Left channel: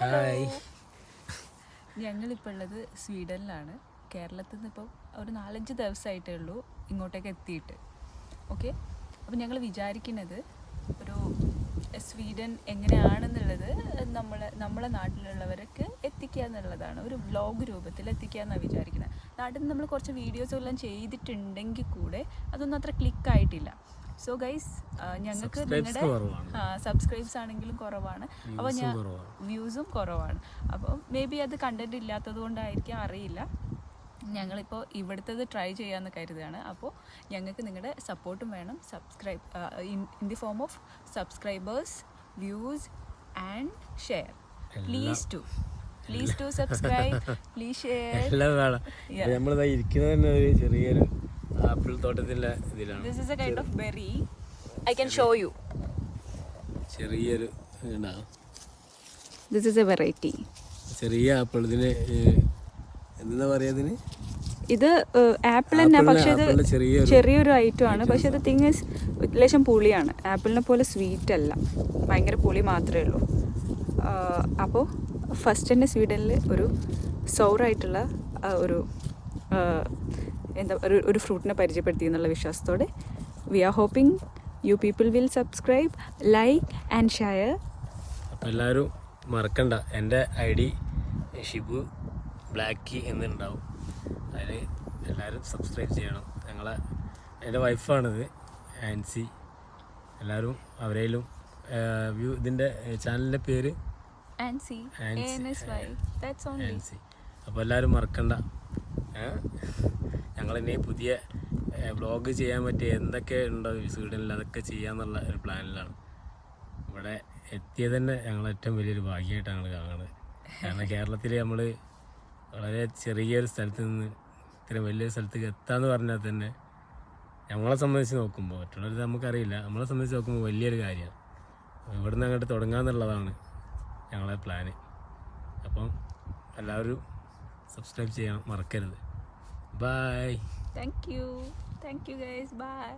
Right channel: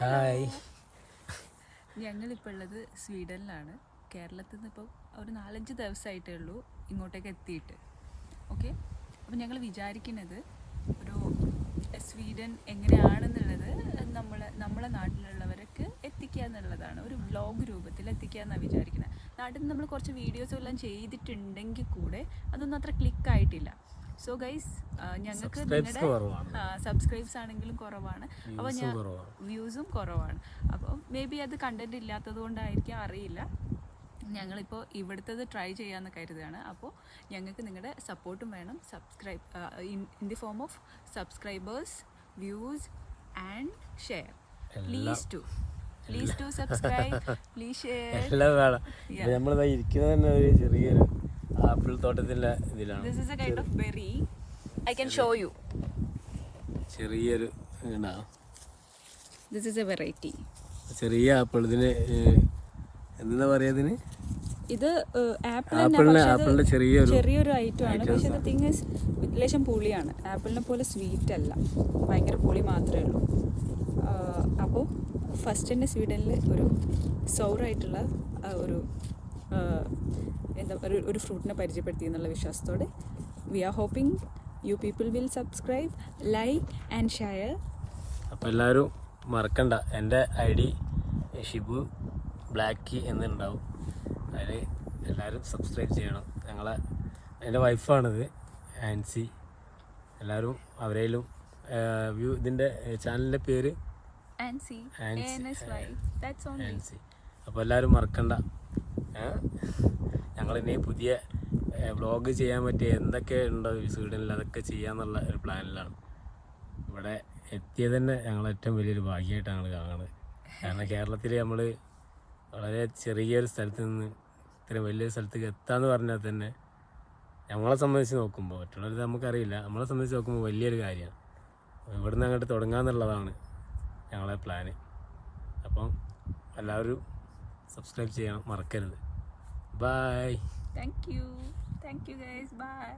Hi. ഞങ്ങളിപ്പോൾ ഉള്ളത് സ്വീഡനിലാണ്. കേരളത്തിൽ നിന്ന് ഇപ്പോൾ ഒരു 4-5 ദിവസമായിട്ടേ ഉള്ളൂ ഇങ്ങോട്ടേക്ക് എത്തിയിട്ട്. ഓക്കെ, അപ്പോൾ ഞങ്ങൾ വിചാരിക്കുന്നത് ഒരു സ്വീഡൻ എങ്ങനെയാണെന്നുള്ളത് നമ്മളെ നാട്ടിലുള്ളവർക്ക് എത്തിക്കുക എന്നുള്ളതാണ്. ഒരു വ്ലോഗ് രൂപത്തിൽ എത്തിക്കുക എന്നാണ് വിചാരിക്കുന്നത്. നാട്ടിൽ നിന്ന് നമ്മൾ കുറച്ച് വീഡിയോസ് എല്ലാം ചെയ്തിട്ടുണ്ടെങ്കിൽ കൂടെ അതൊന്നും അത്ര ക്ലിക്കായിട്ടില്ല. സോ ഗൈസ്, ഞങ്ങൾക്ക് നിങ്ങളുടെ സബ്സ്ക്രൈബ്സ് ആണെങ്കിലും കുറവാണ്, അപ്പോൾ വ്യൂസും കുറവാണ്. അപ്പോൾ മേ ബി അത് കണ്ടന്റ് ഇല്ലാത്തത് കൊണ്ടായിരിക്കും, അറിയില്ല. ഞങ്ങളിപ്പോൾ ഇവിടുത്തത് ട്രൈ ചെയ്യാമെന്ന് കരുതുകയാണ്. അപ്പോൾ ഞങ്ങൾക്ക് നിങ്ങളുടെ സപ്പോർട്ടും വേണം. Subscribe in the form of subscribers, views and share. Please to subscribe, please share. എല്ലാം വേണം. നമ്മളിതാ ഇരിക്കുന്നത് തന്നെ ഒരു ചെറിയൊരു ആപ്പിൾ തോട്ടത്തിൻ്റെ ഇതിലാണ്. This is a kind of berry. I can show you. ചെറിയൊരു This is a variety. ചെറിയ ആപ്പിൾ. ഇതിന് എന്താ പറയാ, ഇതിന് ഇത് ആപ്പിൾ തന്നെ, പക്ഷെ ഇത് ചെറിയൊരു ഐറ്റം ആണ്. പക്ഷെ ഇത് തിങ് ഈസ് ലേശം പുളിയാണ്. ആപ്പിളിനെ പോലെ സ്വീറ്റ് അല്ല, ഭയങ്കര പുളി മാത്രമേ ഉള്ളൂ. അപ്പോൾ ഫസ്റ്റ് തന്നെ സ്വീഡനിൽ ഒരു സൗറായിട്ടുള്ള ഒരു ഒരു ഫ്രൂട്ടിനെ പരിചയപ്പെടുത്തി എന്നുള്ള വിശ്വാസത്തോടെ we are hoping you people will subscribe, like and share. അപ്പോൾ എല്ലാവരും മറക്കണ്ട, എൻ്റെ ID ഷിബു ബ്ലാക്കി എന്നുണ്ടാവും. അതിൽ എല്ലാവരും സബ്സ്ക്രൈബ് ചെയ്യണം. എൻ്റെ വൈഫാണിത്, ആൻസി. എല്ലാവരും അവരേലും ഇതിൻ്റെ ചാനലിൻ്റെ പേര് ആൻസി. അപ്പോൾ എല്ലാവരും മറക്കണ്ട. ഞങ്ങളിനി പുതിയ വ്ളോഗ് ചെയ്യാൻ പറ്റിയ എന്തൊക്കെ ഉണ്ടോ സ്വീഡനിൽ അതൊക്കെ ചെയ്യാന്നുള്ള ഒരു പ്ലാനിലാണ്. ഇവിടെ എത്തിയത് തന്നെ ഞങ്ങൾ ഏറ്റവും വലിയൊരു ഭാഗ്യമായിട്ടാണ് ഞങ്ങൾ കാണുന്നത്. കാരണം കേരളത്തിൽ നമ്മൾ വളരെ ചെറിയൊരു സ്ഥലത്ത് നിന്ന് ഇത്രയും വലിയൊരു സ്ഥലത്തേക്ക് എത്താന്ന് പറഞ്ഞാൽ തന്നെ നമ്മളെ സംബന്ധിച്ച് നോക്കുമ്പോൾ, മറ്റുള്ളവർ നമുക്കറിയില്ല, നമ്മളെ സംബന്ധിച്ച് നോക്കുമ്പോൾ വലിയൊരു കാര്യമാണ്. ഇവിടെ നിന്ന് അങ്ങോട്ട് തുടങ്ങാമെന്നുള്ളതാണ് ഞങ്ങളെ പ്ലാന്. അപ്പം എല്ലാവരും സബ്സ്ക്രൈബ് ചെയ്യണം, മറക്കരുത്. Bye. Thank you guys. Bye.